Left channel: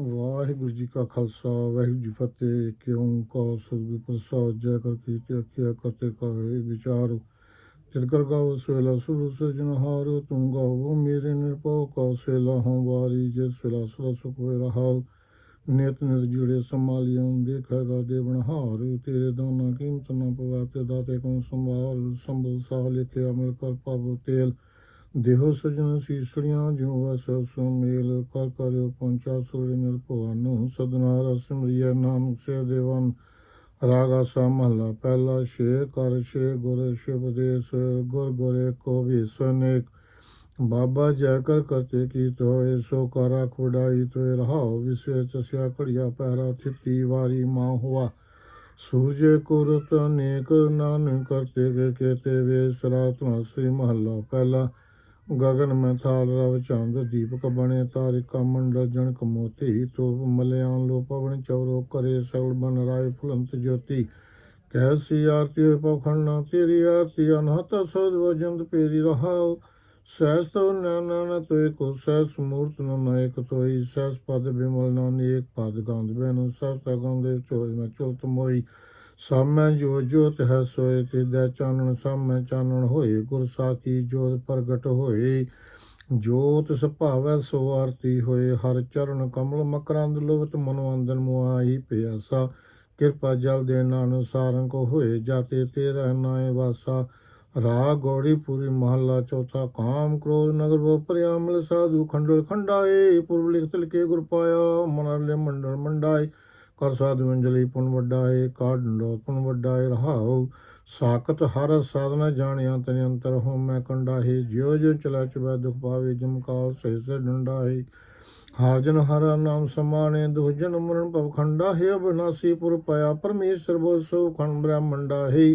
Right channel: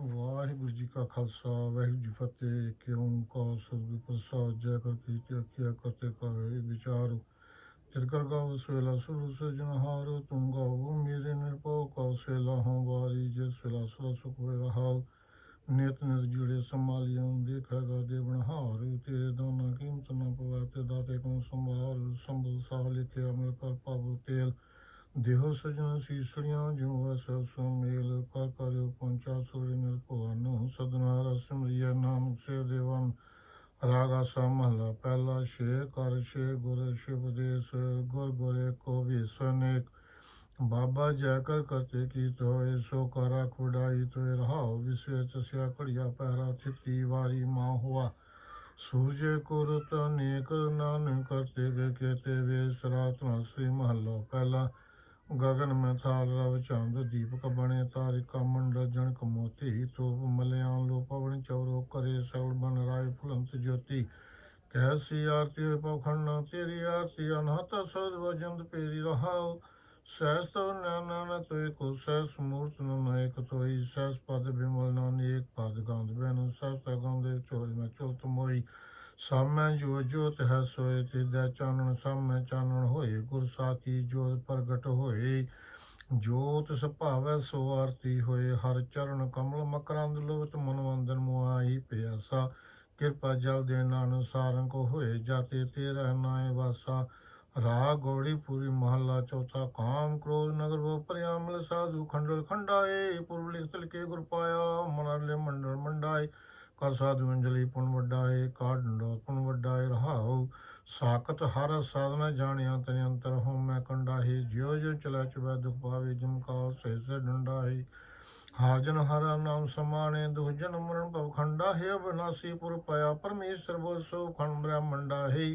ਵਾਹਿਗੁਰੂ ਜੀ ਕਾ ਖਾਲਸਾ, ਵਾਹਿਗੁਰੂ ਜੀ ਕੀ ਫਤਿਹ। ਕਿਉਂ ਕੋ ਸੁਭੀ ਪ੍ਰਸਾਦ, ਜੈ ਕਰ ਕੀਤੇ ਅਖਿਆ ਕਰਤੇ ਕਾਏ ਵਿਚਾਰੋ। ਜਿਤ ਕਰ ਗਾਉ ਸਵੇਲਾ ਸੁਰ ਸਜਨ ਹਾਰ, ਤੁਮ ਗਾਵੋ ਮੇਰੇ ਨਿਰਭਉ ਕੋ ਸੇਲਾ ਹਉ ਵਾਰੀ, ਜਿਸ ਸਵੇਲਾ ਸਦਾ ਸੁਖ ਹੋਇ ਰਹਾਉ। ਨਿਤ ਨਿਤ ਜੁੜੇ ਸੰਭਾਲਿਓ ਦੇਖੇਗਾ ਦੇਵਨ ਹਾਰ। ਤੇਰੇ ਦਾਨਾ ਕੀਮਤ ਨਾ ਪਵਾ, ਤੇ ਦਾਤੇ ਕੋ ਸੰਭਾਲ, ਸੰਭਲ ਸਾਹ ਲਿਖੇ ਅਮਲ ਕਰ ਪਾਵੋ ਤੇਲ। ਦੇਹੋ ਸਜਣ ਸੀਸੜੀਆਂ ਜਿਉ ਵਸ ਸੁਮੇਲ, ਕਰ ਕਰਿਓ ਪਹੁੰਚਾ ਸੁਰੇ ਨਿਰ ਭਵਨ, ਸਦਨਾ ਰਸ ਮਰੀਆ ਨਾਮ ਸੇ ਦੇਵਨ ਰਾਗਾ ਸਾ ਮਹਲਾ ਪਹਿਲਾ ਸ਼ੇ ਕਰ ਸ਼ੇ ਗੁਰ ਸ਼ਿਵਦੇਸ ਗੁਰ ਗੁਰੇ ਕੋ ਵੀ ਸਨੇਕ ਬਾਬਾ ਜੈ ਕਰ ਕਰਤੇ ਕੀ ਤੋਏ, ਸੋ ਕਰਾ ਖੁਡਾਈ ਤੋਏ, ਰਹਾਉ ਵਿਸੇ ਚਸਿਆ ਘੜੀਆ ਪਹਿਰਾ ਥਿੱਤੀ ਵਾਰੀ ਮਾਂ ਹੁਆ। ਸੂਰਜ ਕੁਰਤ ਅਨੇਕ, ਨਾਨਕ ਕਰਤੇ ਕੇ ਕੇਤੇ ਵੇ, ਸਰਾਤਨਾ ਸ੍ਰੀ ਮਹੱਲਾ ਪਹਿਲਾ ਗਗਨ ਮੈਂ ਥਾਲ ਰਵ ਚੰਦ ਦੀਪਕ ਬਣੇ ਤਾਰਿਕਾ ਮੰਡਲ ਜਣ ਕਮੋਤੀ ਤੋ ਮਲਿਆਨ ਲੋ ਪਵਨ ਚੌਰੋ ਕਰੇ ਸਗਲ ਬਨ ਰਾਏ ਫੁਲੰਤ ਜੋਤੀ। ਕੈਸੀ ਆਰਤੀ ਹੋਇ ਪਖੰਡਾ ਤੇਰੀ ਆਰਤੀ ਅਨਹਤ ਸਦ ਵਜੰਦ ਪੇਰੀ ਰਹਾ ਸਹਿਸ ਤੋ ਨਾਨਨ ਤੋਇ ਕੋ ਸਹਿਸ ਮੂਰਤ ਨ ਏਕ ਤੋਈ ਸਹਿਸ ਪਦ ਬਿਮਲ ਨਾਨ ਏਕ ਪਦ ਗੰਧ ਬੈਨੋ ਸਭ ਤਗੰਦੇ ਚੋਇ ਮੈਂ ਚੁਲਤ ਮੋਈ। ਸਾਮੈ ਜੋ ਜੋਤ ਹੈ ਸੋਏ ਤੇ ਦਾ ਚਾਨਣ, ਸਾਮੈ ਚਾਨਣ ਹੋਏ, ਗੁਰ ਸਾਖੀ ਜੋਤ ਪ੍ਰਗਟ ਹੋਏ। ਜੋਤ ਸੁਭਾਵੈ ਸੋ ਆਰਤੀ ਹੋਏ, ਹਰ ਚਰਨ ਕਮਲ ਮਕਰੰਦ ਲੋਵਤ ਮਨਵੰਦਨ ਮੁਆਈ ਪਿਆਸਾ। ਕਿਰਪਾ ਜਲ ਦੇ ਨਾਨਕ ਸਾਰੰ ਕੋ ਹੋਏ, ਜਾਤੇ ਤੇ ਰਹਿਨਾਏ ਵਾਸਾ। ਰਾ ਗੌੜੀ ਪੂਰੀ ਮਹੱਲਾ ਚੌਥਾ, ਕਾਮ ਕ੍ਰੋਧ ਨਗਰ ਬੋ ਪ੍ਰਿਆਮਲ ਸਾਧੂ ਖੰਡਲ ਖੰਡਾਏ। ਪੁਰਬ ਲਿਖ ਤਿਲ ਕੇ ਗੁਰ ਪਾਇਆ ਮਨਰਲੇ ਮੰਡਲ ਮੰਡਾਏ। ਕਰ ਸਾਧੂ ਅੰਜਲੀ ਪੁਨ ਵੱਡਾਏ ਕਾਢੰਡੋ ਪੁਨ ਵੱਡਾਏ ਰਹਾਉ ਸਾਖਤ ਹਰ ਸਾਧਨਾ ਜਾਣਿਆ ਤਨ ਅੰਤਰ ਹੋ, ਮੈਂ ਕੰਡਾਹੇ ਜਿਉ ਜਿਉ ਚਲਾ ਚੁਬੈ ਦੁਖ ਪਾਵੇ ਜਮਕਾਲ ਸਹਿ ਸਹਿ ਡੰਡਾਹੇ ਹਰ ਜਨ ਹਰ ਨਾਮ ਸਮਾਣੇ, ਦੁਖ ਜਨ ਮਰਨ ਭਵ ਖੰਡਾ ਹੈ, ਅਬਨਾਸੀ ਪੁਰ ਪਾਇਆ ਪਰਮੇਸ਼ਰ ਬੋ ਸੋ ਖੰਡ ਬ੍ਰਹਮੰਡਾ ਹੈ।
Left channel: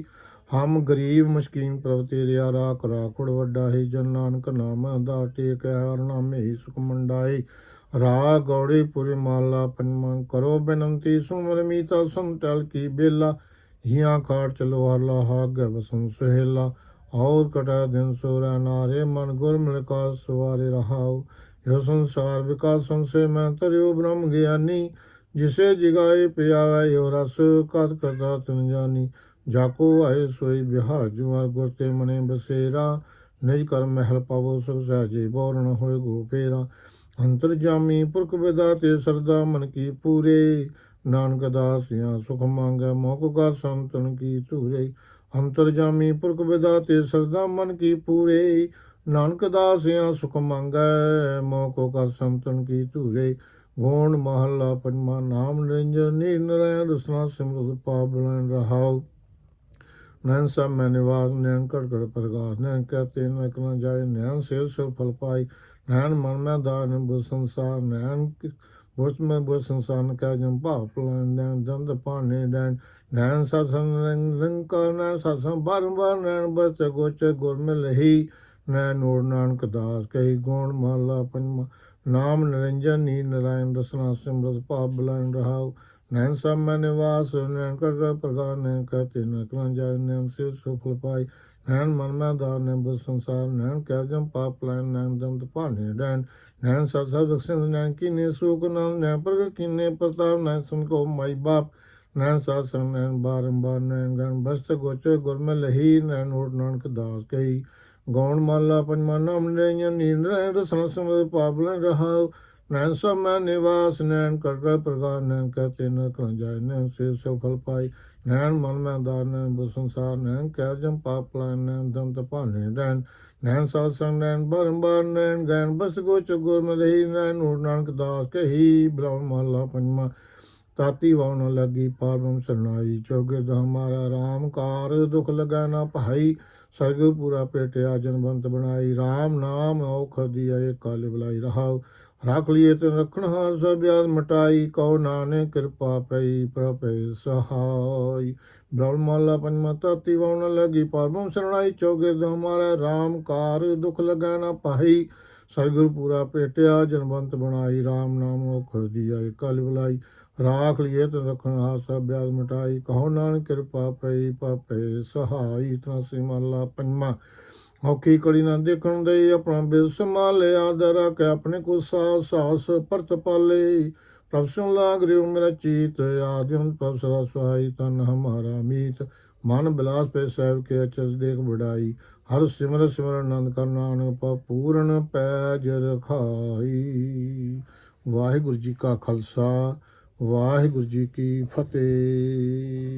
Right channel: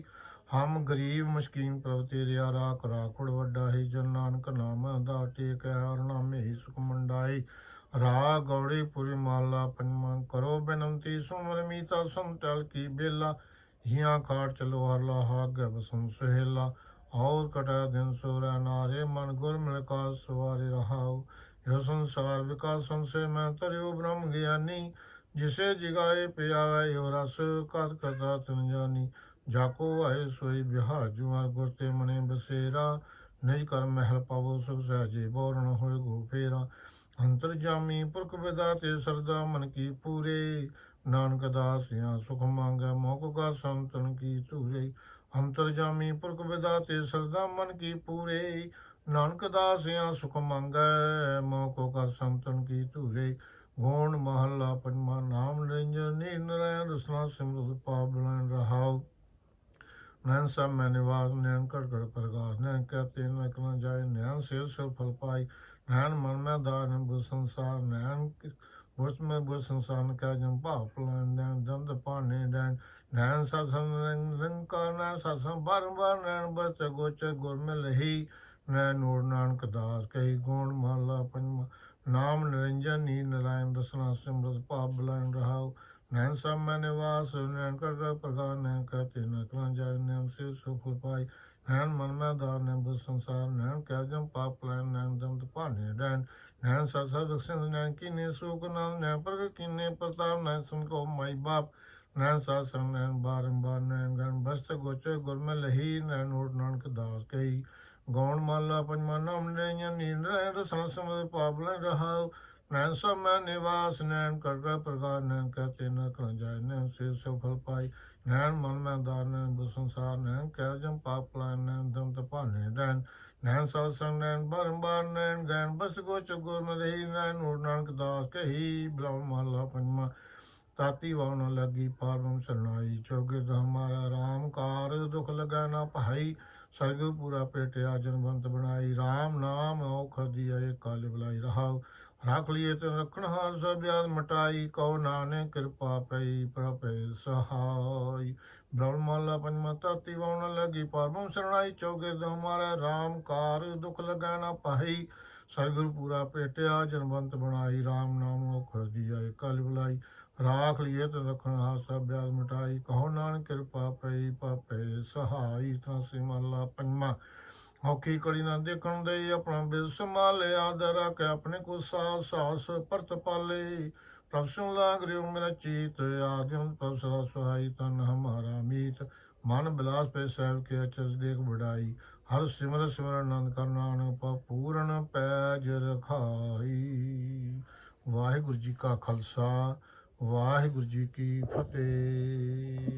ਹਮ ਗਰੀਬ ਮਸਕੀਨ ਪ੍ਰਭ ਤੇਰੇ ਰਾਖ ਰਾਖੜ ਵੱਡਾ ਹੈ, ਜਨ ਨਾਨਕ ਨਾਮ ਦਾ ਟੇਕ ਹਰ ਨਾਮੇ ਹੀ ਸੁਖ ਮੰਡਾਏ ਰਾਗ ਗੌੜੀ ਪੁਰੀ ਮਾਲਾ ਪੰਜਵਾਂ ਕਰੋ ਬੇਨੰਤੀ ਸੁਮਰ ਮੀਤਾ ਸੰਤਲ ਕੀ ਬੇਲਾ, ਹਿਆਂ ਕਾਟ ਚਲੋ ਹਰਲਾ ਹਾਗ ਬਸੰ ਸੁਹੇਲਾ। ਔਰ ਕਟਾ ਦਿਨ ਸੋਰਾ ਨਾਰੇ, ਮਨ ਗੁਰ ਮਿਲ ਕਾ ਸਵਾਰੇ ਰਹਾਉ ਇਹ ਸੰਸਾਰ ਵਿਕਾਸ ਸੰਸੇ ਮੈਂ ਤਰਿਉ ਬ੍ਰਹਮ ਗਿਆਨੀ, ਜਿਸੇ ਜਿਗਾਏ ਪਿਆਵੇ ਯੋ ਰਸ ਕਤ ਕਤਾ ਤਨ ਜਾਨੀ। ਜਾਕੋ ਆਏ ਸੋਈ ਬਿਹਾਰ ਜੁਆਰ ਗੁਰ ਤੇ ਮਨੇ ਬਸੇਰਾ। ਨਿਜ ਕਰ ਮਹਿਲ ਪਾਵੋ, ਸੁਖ ਸਹਜੇ ਬੋਰਨ ਹੋਏ ਗੋ ਫੇਰਾ। ਅੰਤਰ ਜਾਮੀ ਪੁਰਖ ਵਿਦਾਤੇ ਸਰਦਾ ਮਨ ਕੀ ਪੂਰੇ। ਨਾਨਕ ਦਾਸਿਆ ਸੁਖ ਮੰਗੈ ਮੋਖ ਕਾ ਸੰਤਨ ਕੀ ਧੂਰੇ। ਅੰਤਰ ਜਾਮੀ ਪੁਰਖ ਵਿਦਾਤੇ ਸਰਦਾ ਮਨ ਕੀ ਪੂਰੇ। ਨਾਨਕ ਦਾਸਿਆ ਸੁਖ ਮੰਗੈ ਮੋਖ ਕਾ ਸੰਤਨ ਕੀ ਧੂਰੇ। ਗੋਣ ਮਹੱਲਾ ਪੰਜਵਾ, ਨਾਮ ਨਿਰੰਜਨ ਨਿਰਨੈ ਦਸਨਾ ਸਿਮਰਤ ਪਾਵਨ ਰਹਾਉ। ਨੈਣ ਸਭ ਮੈਂ ਨਿਵਾਸ ਨੈਣ ਘੜ ਕੜ ਪ੍ਰਗਾਸ। ਨੈਣ ਕਹਤੇ ਨਕ ਨਾ ਜਾਏ, ਨੈਣ ਸਿਰ ਸਿਰ ਫਲ ਪਾਈ। ਨੈਣ ਮਨ ਮੈਂ ਦਾਨ ਬੁ ਸੰਸਾਰ। ਨੈਣ ਬੁਸ ਮੈਂ ਬੁ ਸੰਸਾਰ, ਨ ਕਾ ਜਮ ਭਾਪ ਲੈਣ ਨੈਣ ਦੰਦ ਪਾਣੇ ਨੈਣ ਨੈਣ ਸਤਸੰਗ ਰੰਗ ਰੰਗ ਕਾ ਨੈਣ ਸਤਸੰਗ ਬਾਰੰਬਾਰ ਨੈਣ ਬਸ ਗੋਚ ਗੁਰ ਮਿ ਲਹੀ ਨੈਣ ਨੂਰ ਨਾਨਕ ਦਾਸ ਕਹੀ ਗੁਣ ਮਾਲਾ ਪੰਜਵਾ। ਨਾਮ ਨਿਰੰਜਨ ਨੀ ਨਰਾਇਣ ਦਸਨਾ ਸਿਮਰਤ, ਭਾਵ ਬਲਨ ਰਹਾਉ। ਨੈਣ ਸਭ ਨਿਵਾਸ, ਨੈਣ ਕੜ ਕੜ ਨੈਣ ਕਹਤੇ ਨਕ ਨਾ ਜਾਏ, ਨੈਣ ਸਿਰ ਸਿਰ ਫਲ ਨੈਣ ਮਨ ਮੈਂ ਦਾਰ ਨੇ ਬੁ ਸੰਸਾਰ, ਨੈਣ ਕਹਿ ਜਮ ਪਾਪ ਲੈਣ, ਨੈਣ ਦਮ ਭਾਣੇ ਡੈਣ ਨੈਣ ਸਤ ਸਤ ਬਖਸ਼ਿੰਦ, ਨੈਣ ਕੀਨੇ ਸੁਖ ਨਾਮ ਨੈਣ ਪ੍ਰਗ ਕੀਨੇ ਪ੍ਰਤਾਪ, ਨੈਣ ਸੁਨ ਕੋ ਮਾਈ ਬਾਪ। ਨੈਣ ਸਾਧ ਸੰਗ, ਨੈਣ ਬਾਰੰਬਾਰ, ਨੈਣ ਗਣ ਬਸਤ ਗੋਚੇ ਗੁਰ ਮੈਂ ਲਹੀ, ਨੈਣ ਓਟ ਨਾਨਕ ਦਾਸ ਕਹੀ। ਗੌਣ ਮਾਲਾ ਪੰਜਮਾ ਨਾਮ ਨੈਣ ਨੀਂਦ ਰਹਿ ਰਸਨ ਸਮਦ ਪਾਪ ਲੈ ਰਹਾਉ। ਨੈਣ ਸਭ ਮੈਂ ਨਿਵਾਸ ਨੈਣ ਕਰ ਕਰ ਨੈਣ ਕਹਤੇ ਨ ਕਰਾਂ ਜਾਏ ਨੈਣ ਸੇ ਸਫਲ ਪਾਈ, ਨੈਣ ਮਨ ਮੈਂ ਦਾਰ ਨੈਣ ਬੁ ਨੈਣ ਕਹਿ ਜਮ ਪਾਪ ਲੈ ਨੈਣ ਦਮ ਤਪਾਨੇ ਨੈਣ ਨੈਣ ਸਾਧ ਸੰਗ, ਨੈਣ ਬਾਰੰਬਾਰ ਨੈਣ ਗੈਣ ਬਸ ਗੋਚ ਗੁਰ ਮਲਹੀ ਨੈਣ ਓਟ ਨਾਨਕ ਦਾਸ ਕਹੀ ਬ੍ਰਹਮ ਮਹਲਾ ਪੰਜਮਾ ਤਾਤੀ ਵਾਉਣ ਲੱਗੀ ਪਾਰਮ ਸਰਨਾਈ, ਚੌਗਿਰਦ ਹਮਾਰਾ ਰਾਮ ਕਾਰ ਦੁਖ ਲਗਾ ਨਾ ਭਾਈ, ਸਰਗ ਪੂਰਾ ਪੇਟਿਆ ਜਨਵੰਤ ਬਣਾਈ RAM ਨਾਮ ਔਖ ਦੀਏ ਕਾਲ ਬੁਲਾਈ ਰਹਾਉ ਰੱਖ ਲਈਏ ਤੇ ਰੱਖਣ ਹਾਰ ਸਭ ਯਾਦ ਮਟਾਈ ਕਉ ਨਾਨਕ ਕਿਰਪਾ ਪਈ ਪ੍ਰਪੈ ਸਹਾਈ। ਬ੍ਰਹਮਾਲਾ ਪੰਜਮਾ ਤਾਤੀ ਵਾਉਣ ਪਰਮ ਸਰਣਾਈ ਚੌਗਿਰਦ ਹਮਾਰਾ RAM ਕਾਰ ਦੁਖ ਲਗਾ ਨਾ ਪਾਈ ਸਰਗੁਰ ਪੂਰਾ ਪੇਟਿਆ ਜਨਵੰਤ ਬਣਾਈ RAM ਨਾਮ ਔਖ ਦੀਏ ਕਲ ਬੁਲਾਈ। ਰਾਖ ਲਿਏ ਤੇ ਰਖਣ ਹਾਸਾ ਬਿਆਦ ਮਟਾਈ, ਕਹੋ ਨਾਨਕ ਕਿਰਪਾ ਪਈ ਪਾਪੇ ਸਹਾਈ। ਤਨਾ ਸਿਮਲਾ ਪੰਜਮਾ ਔਖੀ ਕੜੀ ਨਾ ਦੇਖਣ ਦੇ ਆਪਣਾ ਬਿਲ ਸੰਭਾਲਿਆ ਦਰਾ ਕੇ ਆਪਣੇ ਕੋ ਸਾਸ ਸਾਸ ਪਰਤ ਪਾਲੇ। ਪ੍ਰਭ ਸੁਨ ਲਾਗ ਰਿਓ ਮੇਰਾ ਚੀਤ ਆਦਿਮ ਪ੍ਰਭ ਸਦਾ ਸਹਾਈ, ਤਨ ਹਮਾਰਾ ਮੀਤ। ਮਨ ਬਿਲਾਸ ਪੇ ਸਹਿਬ ਕੇ ਅਚਰ ਦੇਖ ਬੜਾਈ ਹਰ ਸਿਮਰ ਸਿਮਰ ਆਨੰਦ ਕਰ ਨਾਨਕ ਪਾ ਪੂਰਨ ਪੈਜ ਰਖਾਈ। ਵਾਹਿਗੁਰੂ ਜੀ ਕਾ ਖਾਲਸਾ, ਵਾਹਿਗੁਰੂ ਜੀ ਕੀ ਫਤਿਹ।